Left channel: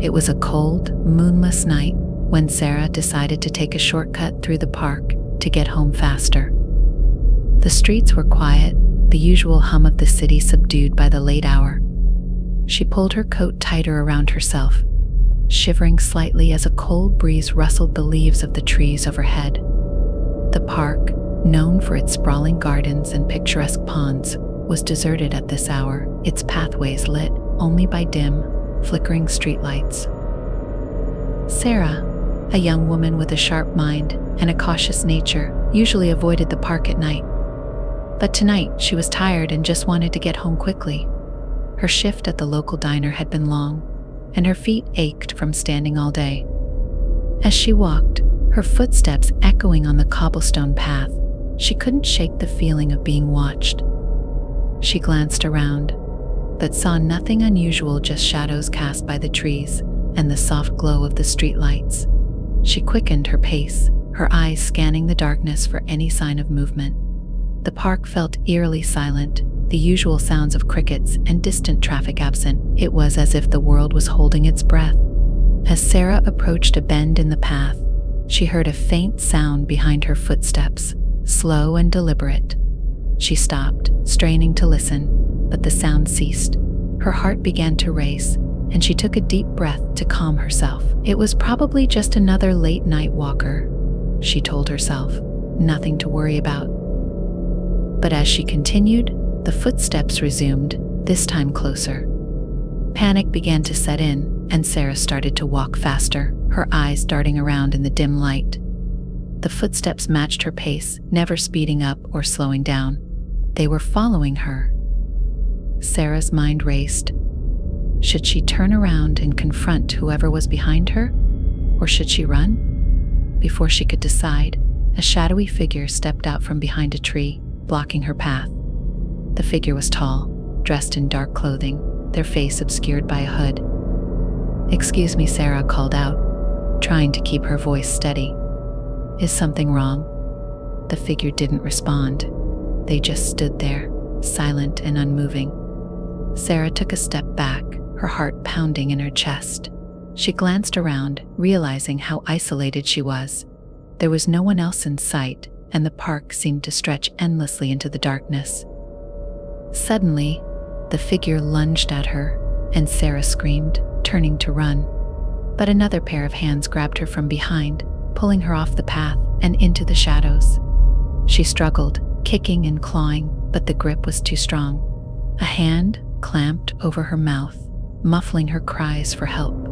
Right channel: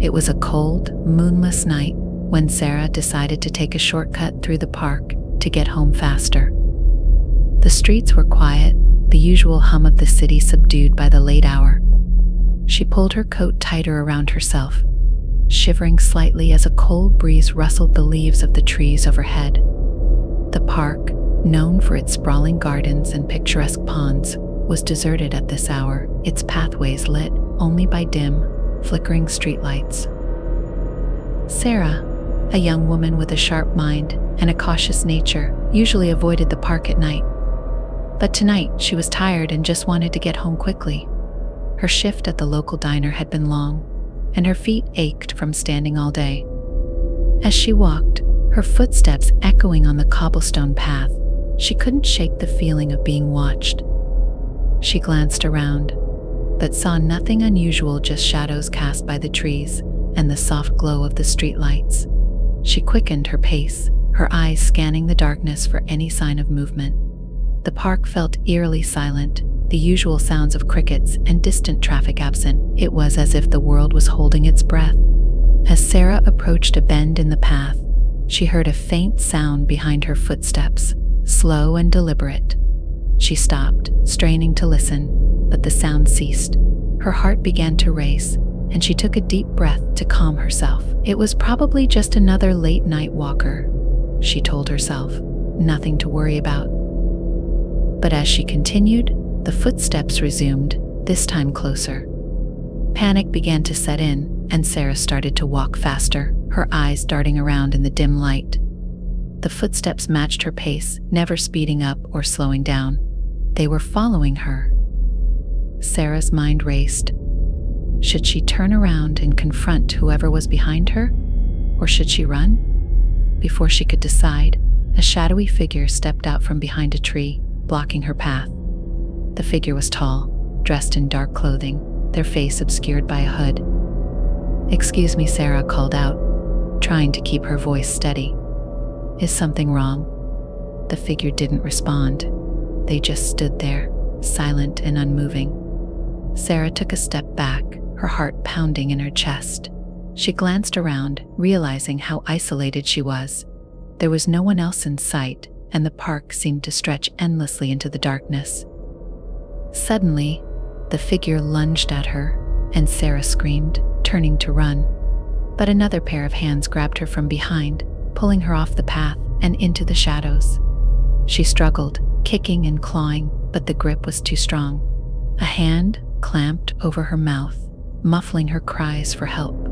It was a cold, moonless night when Sarah decided to take a shortcut through the park to get home faster. The streets were quiet, the usual hum of the city subdued by the late hour. She pulled her coat tighter around herself, shivering slightly as a cold breeze rustled the leaves of the trees overhead. The park, known for its sprawling gardens and picturesque ponds, was deserted at this hour, its pathways lit only by dim, flickering streetlights. Sarah, a young woman with a sharp mind and a cautious nature, usually avoided the park at night. But tonight she was tired and just wanted to get home quickly. Her shift at the local diner had been long, and her feet ached from standing all day. As she walked, her footsteps echoing on the cobblestone path, she couldn't shake the feeling of being watched. She glanced around, but saw nothing unusual, just shadows cast by the trees and the soft glow of the streetlights. She quickened her pace, her eyes scanning the darkness for any sign of movement. The park felt eerily silent, the usual sounds of crickets and distant traffic absent. It was as if the world was holding its breath. As Sarah approached a bend in the path, she heard a faint sound behind her footsteps, slow and deliberate. She stopped, straining to listen, but the sound ceased. Her heart began to race, and she took a deep breath to calm herself. It was probably just another late-night walker, she told herself, nothing to worry about. But as she continued, the footsteps resumed, this time closer. Panic began to set in, and Sarah started to walk faster, her eyes darting around in the dim light. The footsteps matched her pace, never speeding up or slowing down. They were following her. Sarah's mind raced. Should she turn around and confront whoever was behind her? Or should she run? Before she could decide, a shadowy figure stepped out from behind a tree, blocking her path. The figure was tall, dressed in dark clothing, their face obscured by a hood. "Excuse me," Sarah called out, trying to keep her voice steady. "Is something wrong?" The figure didn't respond. They just stood there, silent and unmoving. Sarah took a step back, her heart pounding in her chest. She glanced around, realizing how isolated she was. There was no one else in sight, and the park seemed to stretch endlessly into the darkness. Suddenly, the figure lunged at her, and Sarah screamed, turning to run. But another pair of hands grabbed her from behind, pulling her off the path and into the shadows. She struggled, kicking and clawing, but the grip was too strong. A hand clamped over her mouth, muffling her cries for help.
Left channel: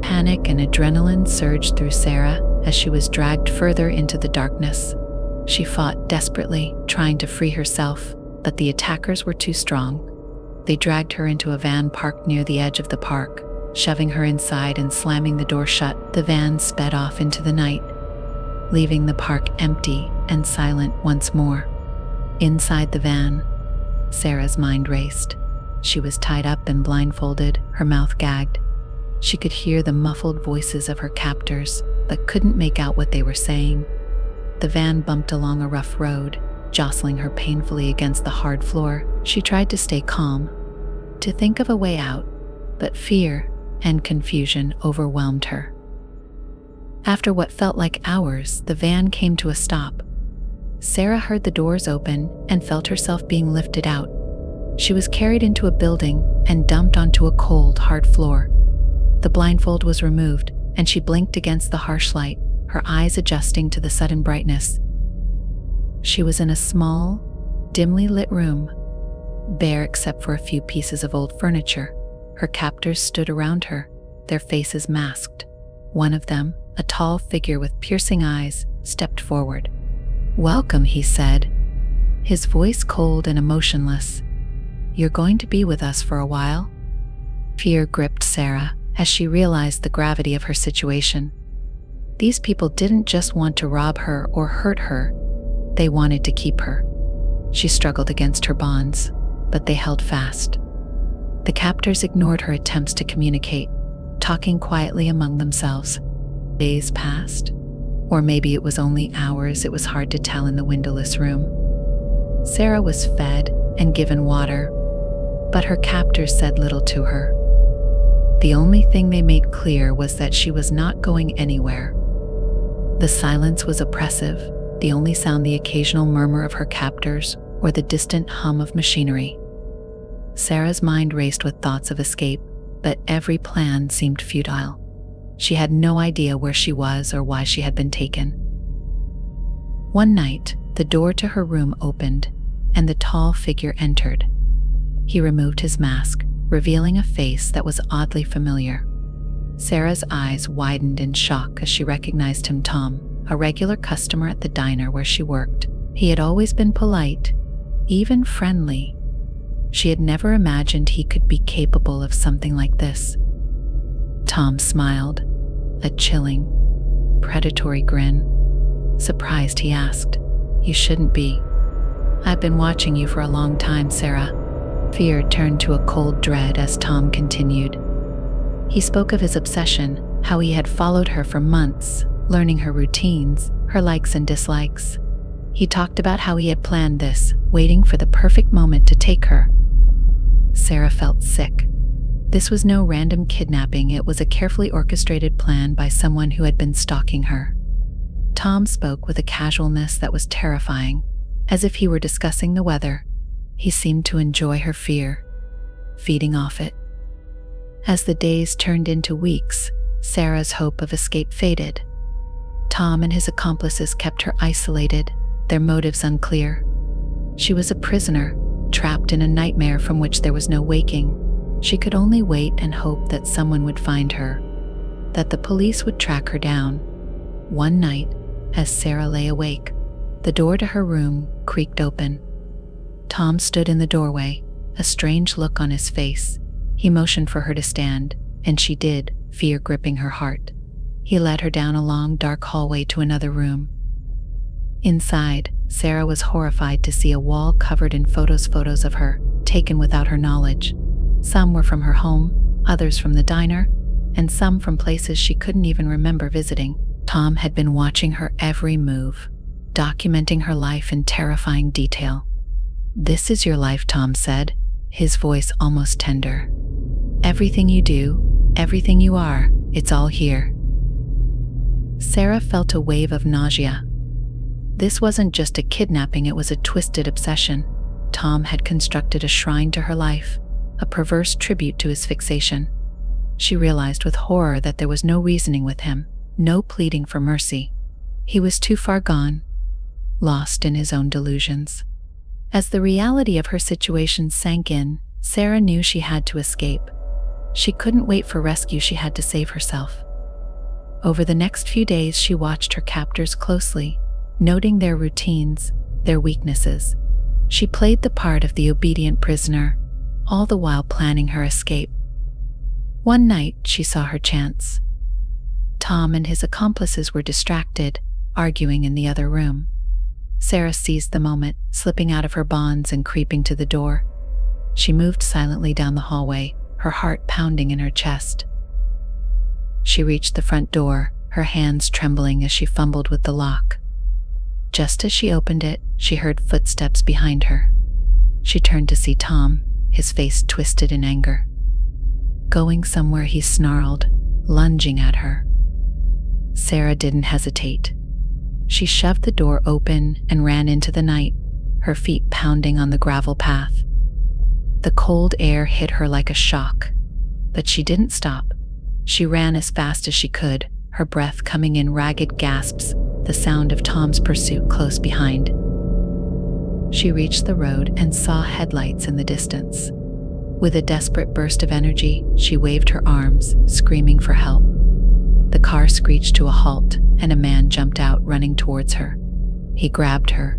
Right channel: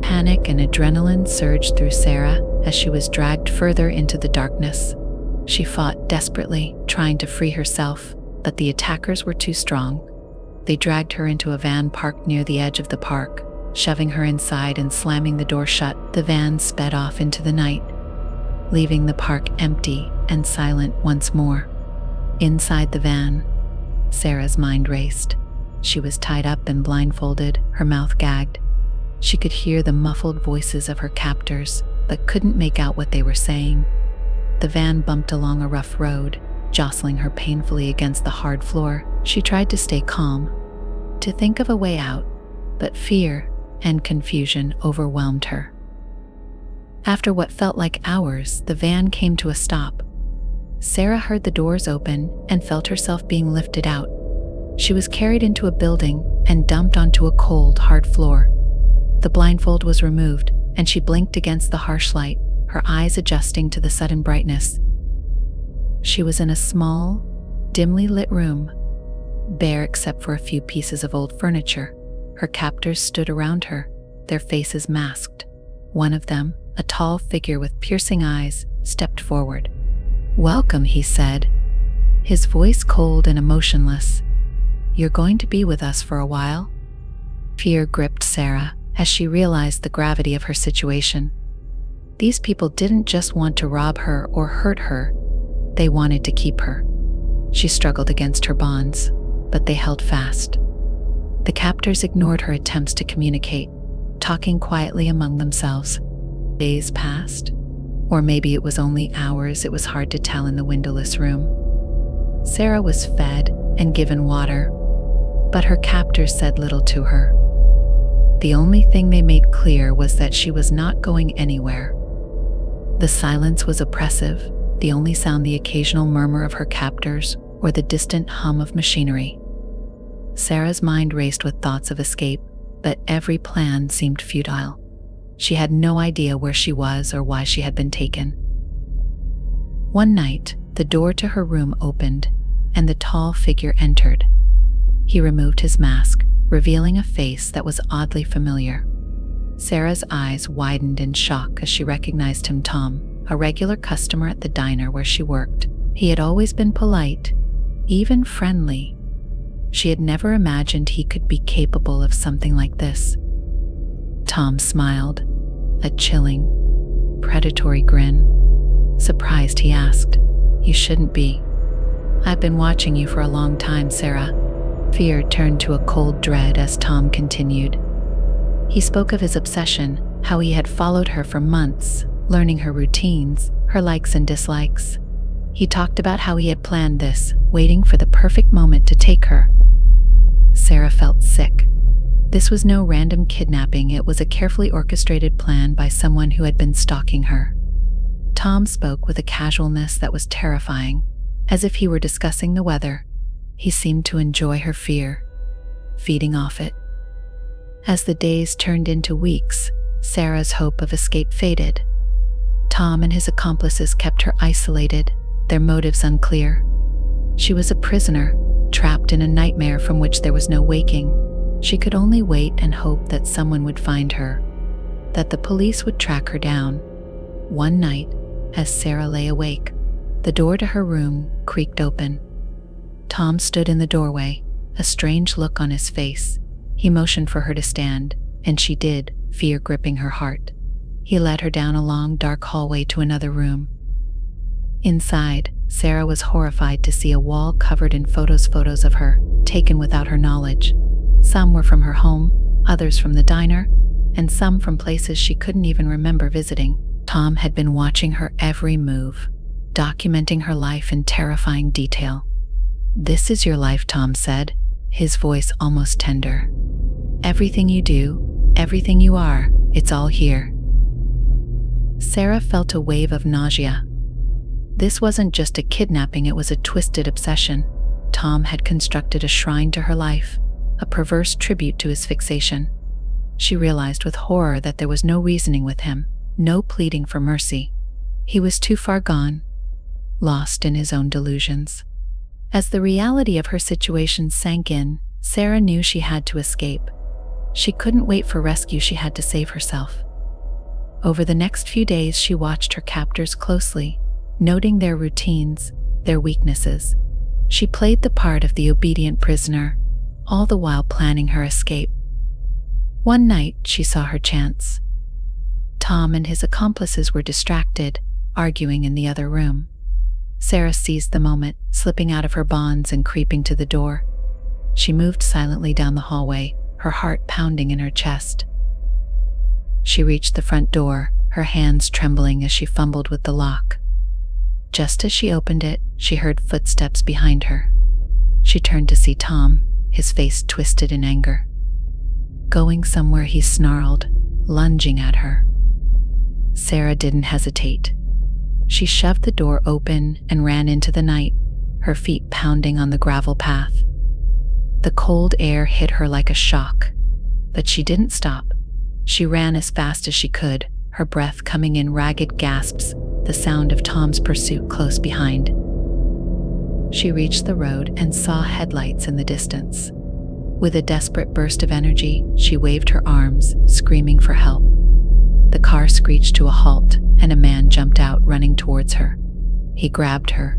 Panic and adrenaline surged through Sarah as she was dragged further into the darkness. She fought desperately, trying to free herself, but the attackers were too strong. They dragged her into a van parked near the edge of the park, shoving her inside and slamming the door shut. The van sped off into the night, leaving the park empty and silent once more. Inside the van, Sarah's mind raced. She was tied up and blindfolded, her mouth gagged. She could hear the muffled voices of her captors, but couldn't make out what they were saying. The van bumped along a rough road, jostling her painfully against the hard floor. She tried to stay calm, to think of a way out, but fear and confusion overwhelmed her. After what felt like hours, the van came to a stop. Sarah heard the doors open and felt herself being lifted out. She was carried into a building and dumped onto a cold, hard floor. The blindfold was removed, and she blinked against the harsh light, her eyes adjusting to the sudden brightness. She was in a small, dimly lit room, bare except for a few pieces of old furniture. Her captors stood around her, their faces masked. One of them, a tall figure with piercing eyes, stepped forward. "Welcome," he said, his voice cold and emotionless. "You're going to be with us for a while?" Fear gripped Sarah as she realized the gravity of her situation. These people didn't just want to rob her or hurt her, they wanted to keep her. She struggled against her bonds, but they held fast. The captors ignored her attempts to communicate, talking quietly among themselves. Days passed, or maybe it was only hours. It was hard to tell in the windowless room. Sarah was fed and given water, but her captors said little to her. The only thing they made clear was that she was not going anywhere. The silence was oppressive, the only sound the occasional murmur of her captors or the distant hum of machinery. Sarah's mind raced with thoughts of escape, but every plan seemed futile. She had no idea where she was or why she had been taken. One night, the door to her room opened, and the tall figure entered. He removed his mask, revealing a face that was oddly familiar. Sarah's eyes widened in shock as she recognized him. Tom, a regular customer at the diner where she worked. He had always been polite, even friendly. She had never imagined he could be capable of something like this. Tom smiled, a chilling, predatory grin. Surprised, he asked, "You shouldn't be. I've been watching you for a long time, Sarah." Fear turned to a cold dread as Tom continued. He spoke of his obsession, how he had followed her for months, learning her routines, her likes and dislikes. He talked about how he had planned this, waiting for the perfect moment to take her. Sarah felt sick. This was no random kidnapping, it was a carefully orchestrated plan by someone who had been stalking her. Tom spoke with a casualness that was terrifying, as if he were discussing the weather. He seemed to enjoy her fear, feeding off it. As the days turned into weeks, Sarah's hope of escape faded. Tom and his accomplices kept her isolated, their motives unclear. She was a prisoner, trapped in a nightmare from which there was no waking. She could only wait and hope that someone would find her, that the police would track her down. One night, as Sarah lay awake, the door to her room creaked open. Tom stood in the doorway, a strange look on his face. He motioned for her to stand, and she did, fear gripping her heart. He led her down a long, dark hallway to another room. Inside, Sarah was horrified to see a wall covered in photos of her, taken without her knowledge. Some were from her home, others from the diner, and some from places she couldn't even remember visiting. Tom had been watching her every move, documenting her life in terrifying detail. "This is your life," Tom said, his voice almost tender. "Everything you do, everything you are, it's all here." Sarah felt a wave of nausea. This wasn't just a kidnapping, it was a twisted obsession. Tom had constructed a shrine to her life, a perverse tribute to his fixation. She realized with horror that there was no reasoning with him, no pleading for mercy. He was too far gone, lost in his own delusions. As the reality of her situation sank in, Sarah knew she had to escape. She couldn't wait for rescue, she had to save herself. Over the next few days, she watched her captors closely, noting their routines, their weaknesses. She played the part of the obedient prisoner, all the while planning her escape. One night, she saw her chance. Tom and his accomplices were distracted, arguing in the other room. Sarah seized the moment, slipping out of her bonds and creeping to the door. She moved silently down the hallway, her heart pounding in her chest. She reached the front door, her hands trembling as she fumbled with the lock. Just as she opened it, she heard footsteps behind her. She turned to see Tom, his face twisted in anger. "Going somewhere," he snarled, lunging at her. Sarah didn't hesitate. She shoved the door open and ran into the night, her feet pounding on the gravel path. The cold air hit her like a shock, but she didn't stop. She ran as fast as she could, her breath coming in ragged gasps, the sound of Tom's pursuit close behind. She reached the road and saw headlights in the distance. With a desperate burst of energy, she waved her arms, screaming for help. The car screeched to a halt, and a man jumped out, running towards her. He grabbed her,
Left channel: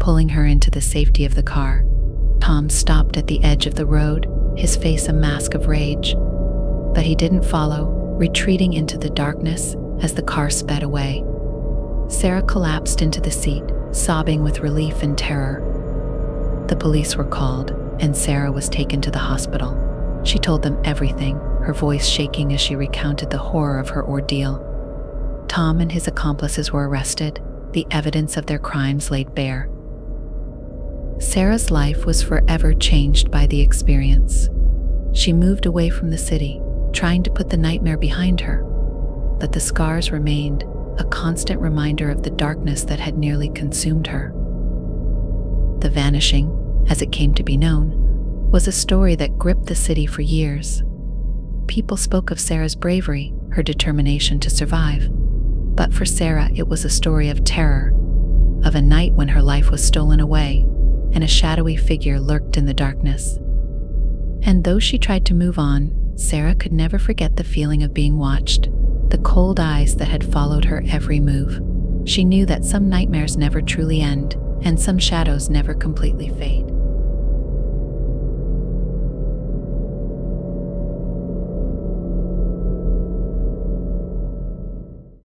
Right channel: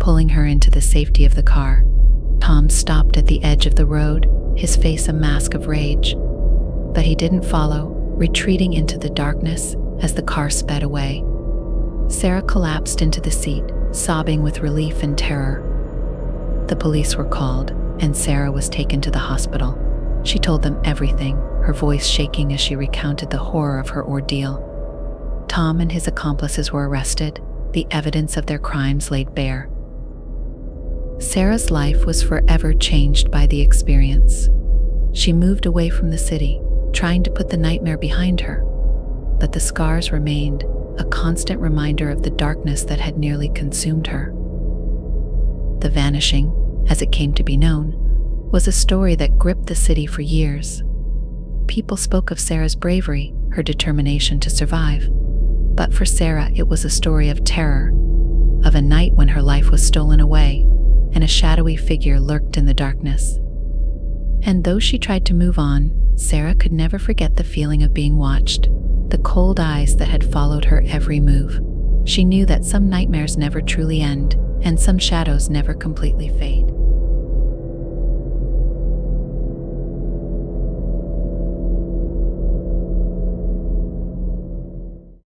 pulling her into the safety of the car. Tom stopped at the edge of the road, his face a mask of rage. But he didn't follow, retreating into the darkness as the car sped away. Sarah collapsed into the seat, sobbing with relief and terror. The police were called, and Sarah was taken to the hospital. She told them everything, her voice shaking as she recounted the horror of her ordeal. Tom and his accomplices were arrested, the evidence of their crimes laid bare. Sarah's life was forever changed by the experience. She moved away from the city, trying to put the nightmare behind her. But the scars remained, a constant reminder of the darkness that had nearly consumed her. The Vanishing, as it came to be known, was a story that gripped the city for years. People spoke of Sarah's bravery, her determination to survive. But for Sarah, it was a story of terror, of a night when her life was stolen away, and a shadowy figure lurked in the darkness. And though she tried to move on, Sarah could never forget the feeling of being watched, the cold eyes that had followed her every move. She knew that some nightmares never truly end, and some shadows never completely fade.